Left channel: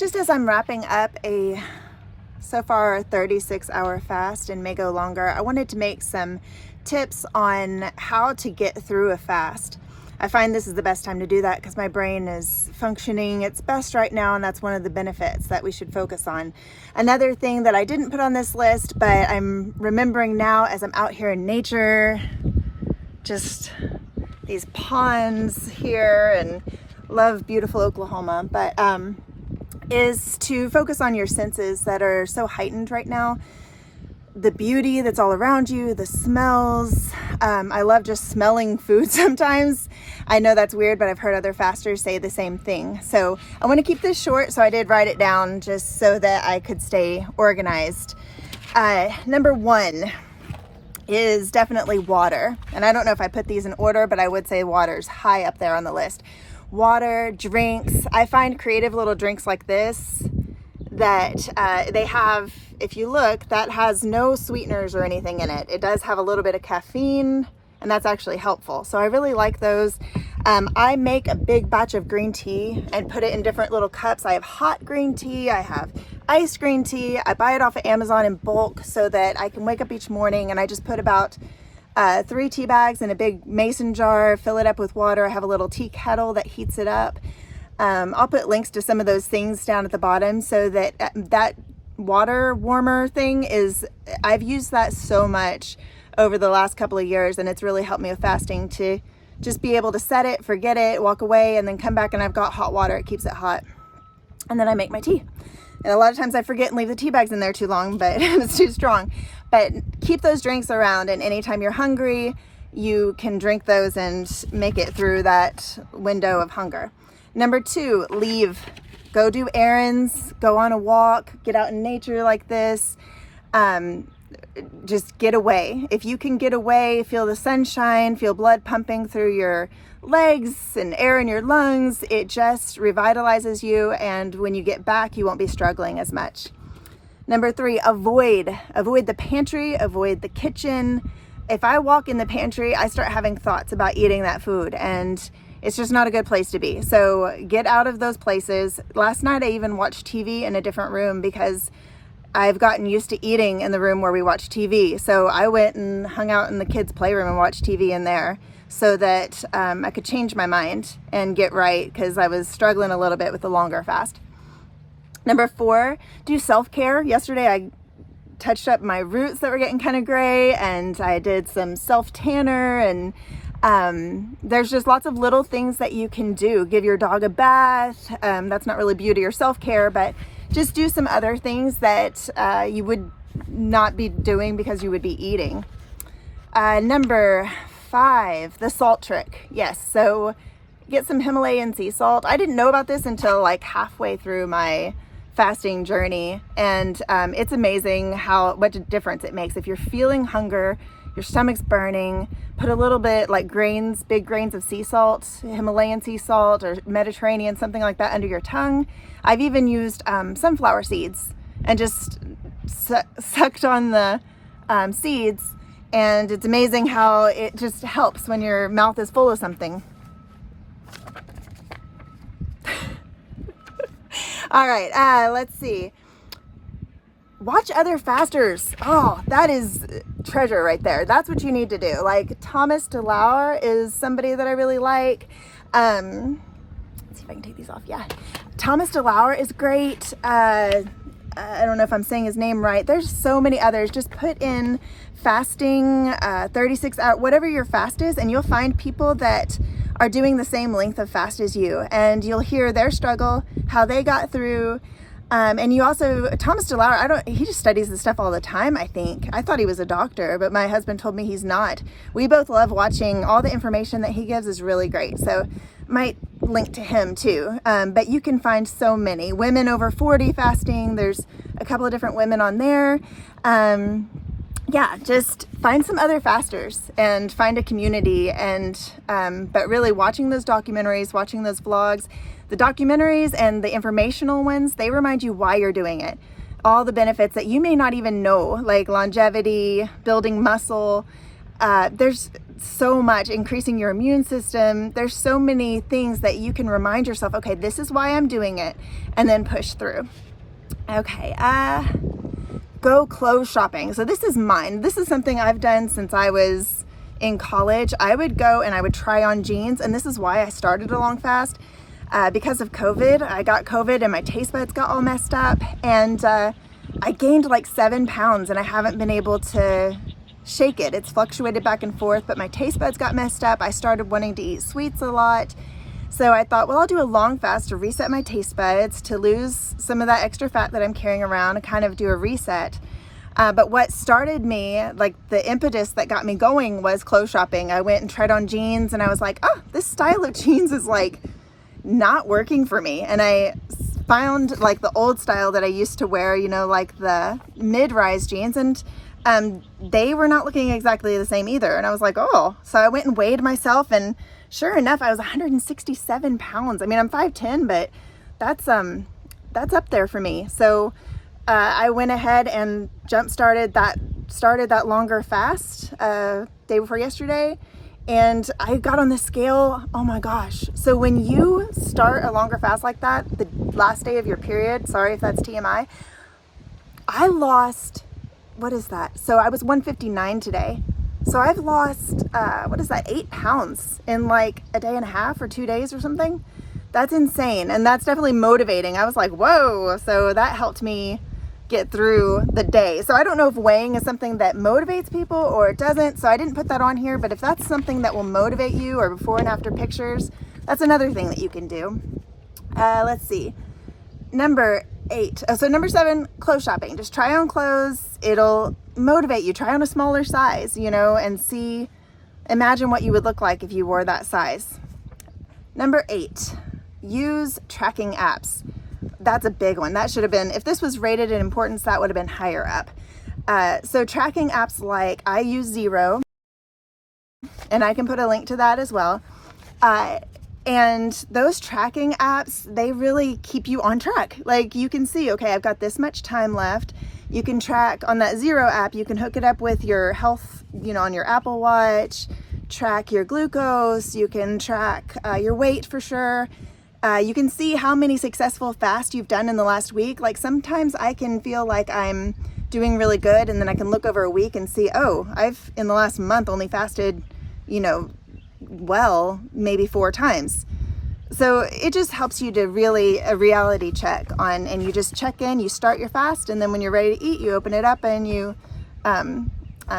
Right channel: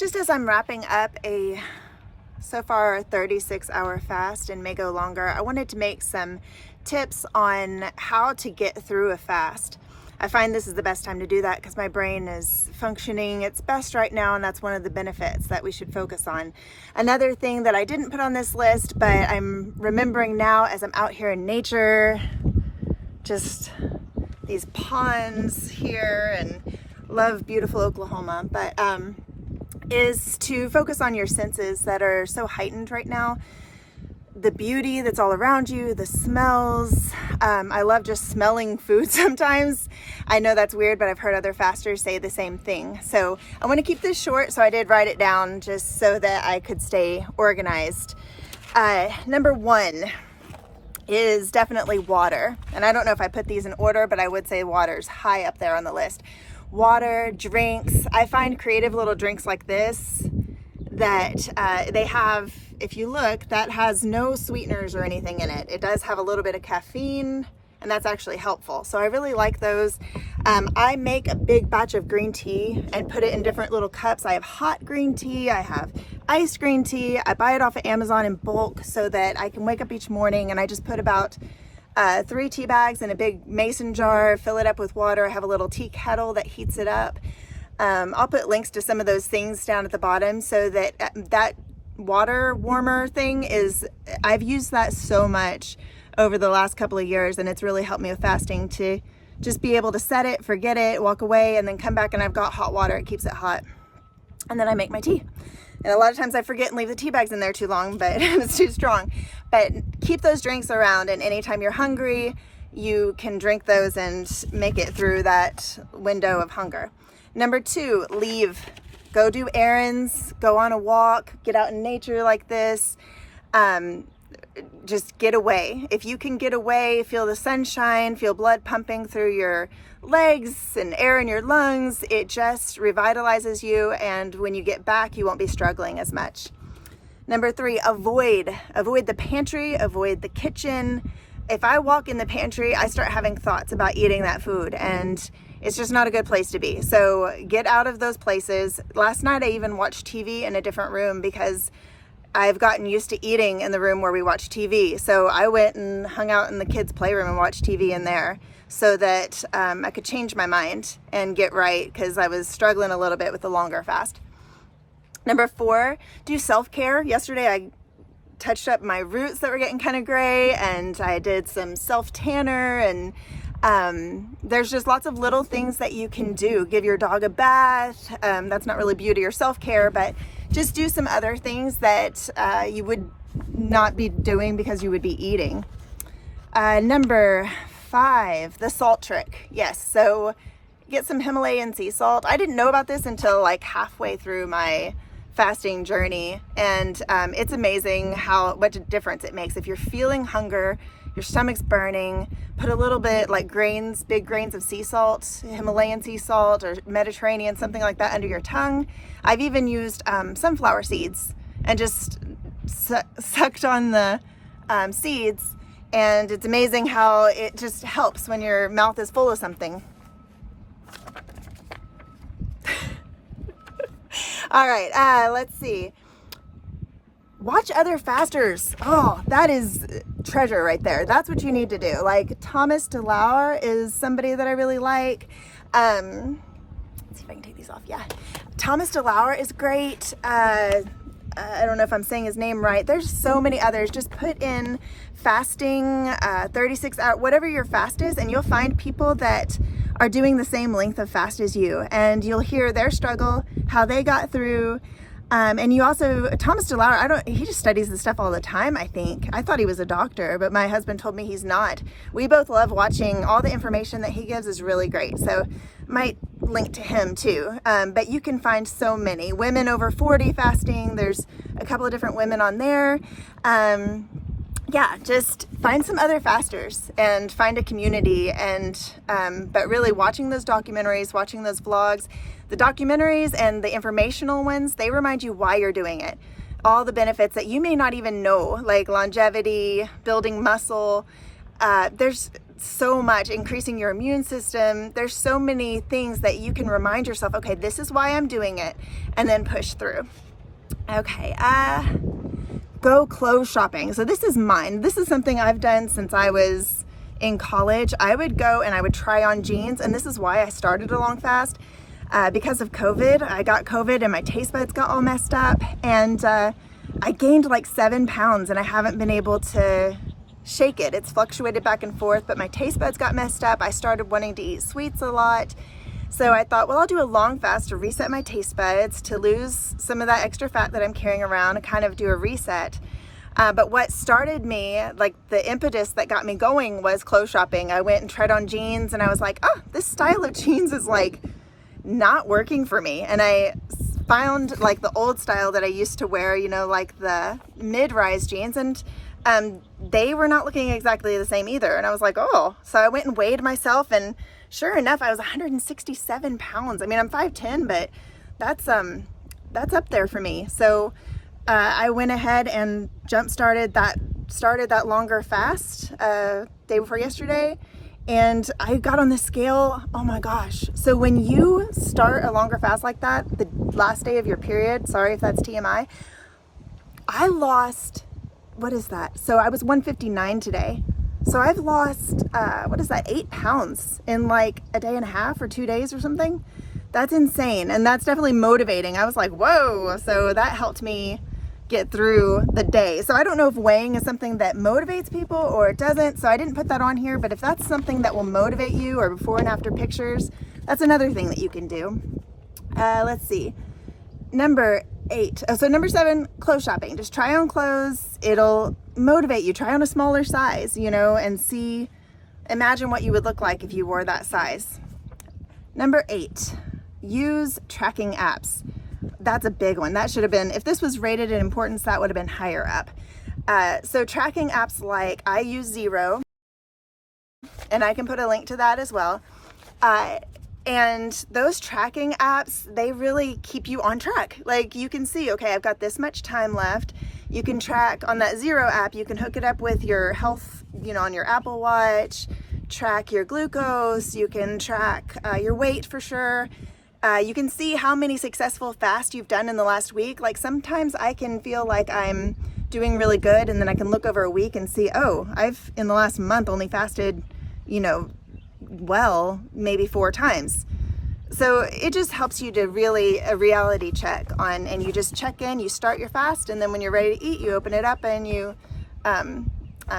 Just as I'm wrapping up a so far a 36-hour fast and may go longer, I wanted to make some tips on how to get through a fast. I find this is the best time to do that because my brain is functioning its best right now, and that's one of the benefits that we should focus on. Another thing that I didn't put on this list, but I'm remembering now as I'm out here in nature, just these ponds here, and love beautiful Oklahoma, but is to focus on your senses that are so heightened right now. The beauty that's all around you, the smells. I love just smelling food sometimes. I know that's weird, but I've heard other fasters say the same thing. So I want to keep this short, so I did write it down just so that I could stay organized. Number one is definitely water. And I don't know if I put these in order, but I would say water's high up there on the list. Water, drinks. I find creative little drinks like this that they have, if you look, that has no sweeteners or anything in it. It does have a little bit of caffeine, and that's actually helpful. So I really like those. I make a big batch of green tea and put it in different little cups. I have hot green tea, I have iced green tea. I buy it off of Amazon in bulk so that I can wake up each morning and I just put about 3 tea bags in a big mason jar, fill it up with water. I have a little tea kettle that heats it up. I'll put links to some of those things down at the bottom so that that water warmer thing is, I've used that so much over the last couple of years, and it's really helped me with fasting to just be able to set it, forget it, walk away, and then come back and I've got hot water. It keeps it hot. And then I make my tea. And a lot of times I forget and leave the tea bags in there too long, but it's too strong. But keep those drinks around, and anytime you're hungry, you can drink those and make it through that window of hunger. Number 2, leave. Go do errands, go on a walk, get out in nature like this. Just get away. If you can get away, feel the sunshine, feel blood pumping through your legs and air in your lungs, it just revitalizes you, and when you get back, you won't be struggling as much. Number 3, avoid the pantry, avoid the kitchen. If I walk in the pantry, I start having thoughts about eating that food, and it's just not a good place to be. So get out of those places. Last night, I even watched TV in a different room because I've gotten used to eating in the room where we watch TV. So I went and hung out in the kids' playroom and watched TV in there so that I could change my mind and get right, because I was struggling a little bit with the longer fast. Number 4, do self-care. Yesterday, I touched up my roots that were getting kind of gray, and I did some self-tanner, and there's just lots of little things that you can do. Give your dog a bath. That's not really beauty or self-care, but just do some other things that you would not be doing because you would be eating. Number 5, the salt trick. Yes, so get some Himalayan sea salt. I didn't know about this until like halfway through my fasting journey, and it's amazing what a difference it makes. If you're feeling hunger, your stomach's burning, put a little bit, like big grains of sea salt, Himalayan sea salt or Mediterranean, something like that, under your tongue. I've even used sunflower seeds and just sucked on the seeds, and it's amazing how it just helps when your mouth is full of something. All right, let's see. Watch other fasters. Oh, that is treasure right there. That's what you need to do. Like Thomas Delauer is somebody that I really like. Let's see if I can take these off. Yeah. Thomas Delauer is great. I don't know if I'm saying his name right. There's so many others. Just put in fasting, 36 hours, whatever your fast is, and you'll find people that are doing the same length of fast as you, and you'll hear their struggle, how they got through. And you also, Thomas Delauer, he just studies this stuff all the time, I think. I thought he was a doctor, but my husband told me he's not. We both love watching. All the information that he gives is really great. So might link to him too. But you can find so many. Women over 40 fasting. There's a couple of different women on there. Yeah, just find some other fasters and find a community, and but really watching those documentaries, watching those vlogs, the documentaries and the informational ones, they remind you why you're doing it. All the benefits that you may not even know, like longevity, building muscle, There's so much, increasing your immune system. There's so many things that you can remind yourself, okay, this is why I'm doing it, and then push through. Okay, go clothes shopping. So this is mine. This is something I've done since I was in college. I would go and I would try on jeans, and this is why I started a long fast. Because of COVID, I got COVID and my taste buds got all messed up, and I gained like 7 pounds, and I haven't been able to shake it. It's fluctuated back and forth, but my taste buds got messed up. I started wanting to eat sweets a lot. So I thought, well, I'll do a long fast to reset my taste buds, to lose some of that extra fat that I'm carrying around, and kind of do a reset. But what started me, like the impetus that got me going, was clothes shopping. I went and tried on jeans, and I was like, oh, this style of jeans is like not working for me. And I found like the old style that I used to wear, you know, like the mid-rise jeans, and they were not looking exactly the same either. And I was like, oh, so I went and weighed myself, and sure enough, I was 167 pounds. I mean, I'm 5'10", but that's up there for me. So I went ahead and started that longer fast day before yesterday, and I got on the scale. Oh my gosh. So when you start a longer fast like that, the last day of your period, sorry if that's TMI, I lost, what is that? So I was 159 today. So I've lost, 8 pounds in like a day and a half or 2 days or something. That's insane. And that's definitely motivating. I was like, whoa. So that helped me get through the day. So I don't know if weighing is something that motivates people or it doesn't. So I didn't put that on here, but if that's something that will motivate you, or before and after pictures, that's another thing that you can do. Let's see. Number 8. Oh, so number 7, clothes shopping. Just try on clothes. It'll motivate you. Try on a smaller size, you know, and imagine what you would look like if you wore that size. Number 8, use tracking apps. That's a big one. That should have been, if this was rated in importance, that would have been higher up. So tracking apps, like I use Zero, and I can put a link to that as well. And those tracking apps, they really keep you on track. Like you can see, okay, I've got this much time left. You can track on that Zero app. You can hook it up with your health, you know, on your Apple Watch, track your glucose. You can track your weight for sure. You can see how many successful fasts you've done in the last week. Like sometimes I can feel like I'm doing really good, and then I can look over a week and see, oh, I've in the last month only fasted, you know, well, maybe 4 times. So it just helps you to really a reality check on, and you just check in, you start your fast, and then when you're ready to eat, you open it up and you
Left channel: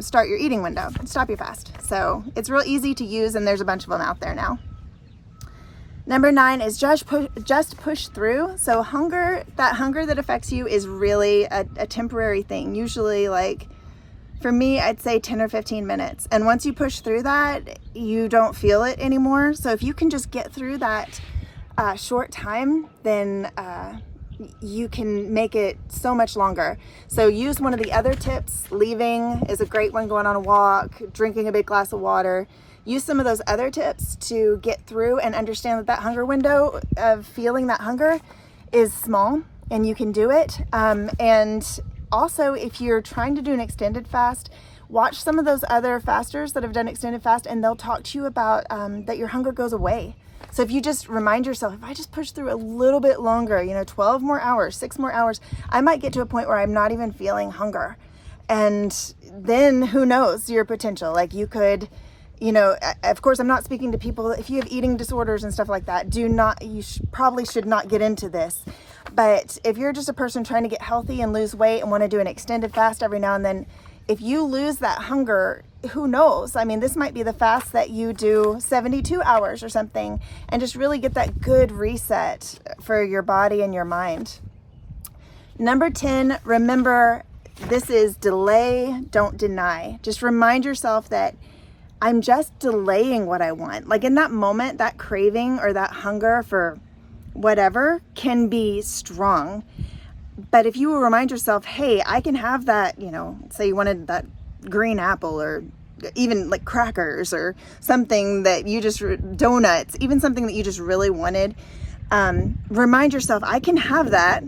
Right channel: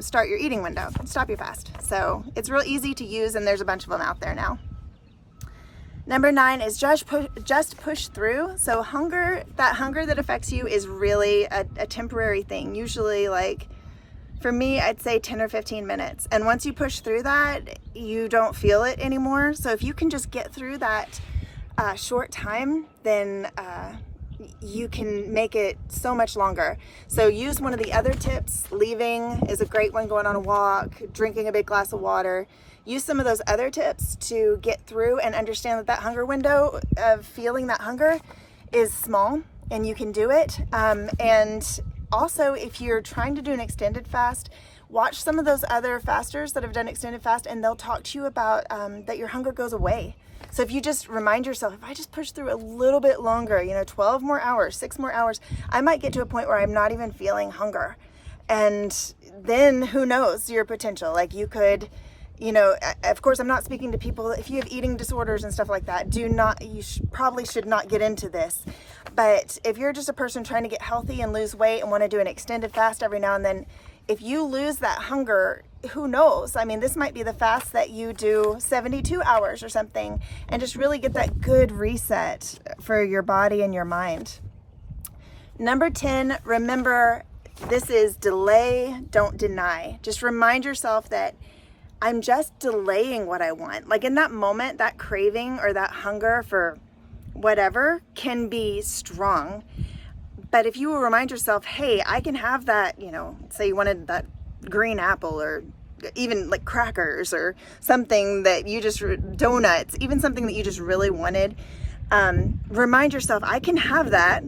start your eating window, stop your fast. So it's real easy to use, and there's a bunch of them out there now. Number 9 is just push through. So that hunger that affects you is really a temporary thing. Usually, like for me, I'd say 10 or 15 minutes. And once you push through that, you don't feel it anymore. So if you can just get through that short time, then you can make it so much longer. So use one of the other tips. Leaving is a great one, going on a walk, drinking a big glass of water. Use some of those other tips to get through and understand that hunger window of feeling that hunger is small, and you can do it. And also, if you're trying to do an extended fast, watch some of those other fasters that have done extended fast, and they'll talk to you about that your hunger goes away. So if you just remind yourself, if I just push through a little bit longer, 12 more hours, 6 more hours, I might get to a point where I'm not even feeling hunger. And then who knows your potential? Like you could, of course, I'm not speaking to people, if you have eating disorders and stuff like that, probably should not get into this. But if you're just a person trying to get healthy and lose weight and want to do an extended fast every now and then, if you lose that hunger, who knows? I mean, this might be the fast that you do 72 hours or something, and just really get that good reset for your body and your mind. Number 10, remember, this is delay, don't deny. Just remind yourself that I'm just delaying what I want. Like in that moment, that craving or that hunger for whatever can be strong. But if you will remind yourself, hey, I can have that, say you wanted that green apple, or even like crackers or something that you just, donuts, even something that you just really wanted, remind yourself, I can have that,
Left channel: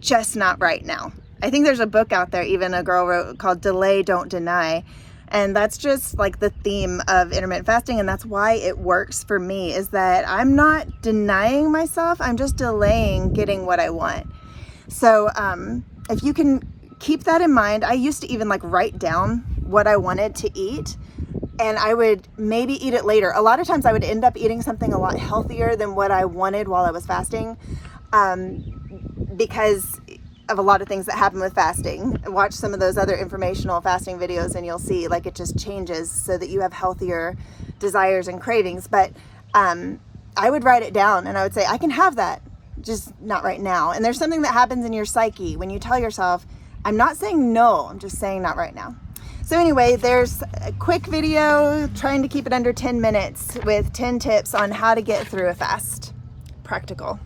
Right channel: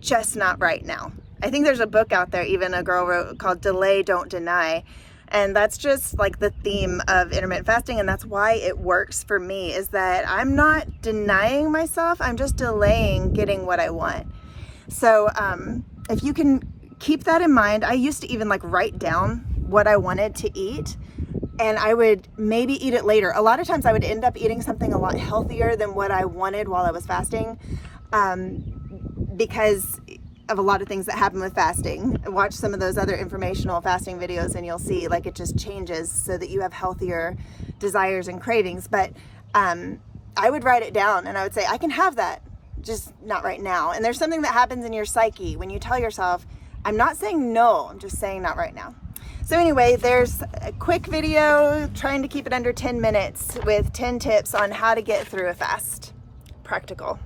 just not right now. I think there's a book out there, even a girl wrote, called Delay, Don't Deny. And that's just like the theme of intermittent fasting, and that's why it works for me, is that I'm not denying myself, I'm just delaying getting what I want. So if you can keep that in mind, I used to even like write down what I wanted to eat, and I would maybe eat it later. A lot of times I would end up eating something a lot healthier than what I wanted while I was fasting, because of a lot of things that happen with fasting. Watch some of those other informational fasting videos and you'll see like it just changes so that you have healthier desires and cravings. But I would write it down and I would say, I can have that, just not right now. And there's something that happens in your psyche when you tell yourself, I'm not saying no, I'm just saying not right now. So anyway, there's a quick video trying to keep it under 10 minutes with 10 tips on how to get through a fast. Practical.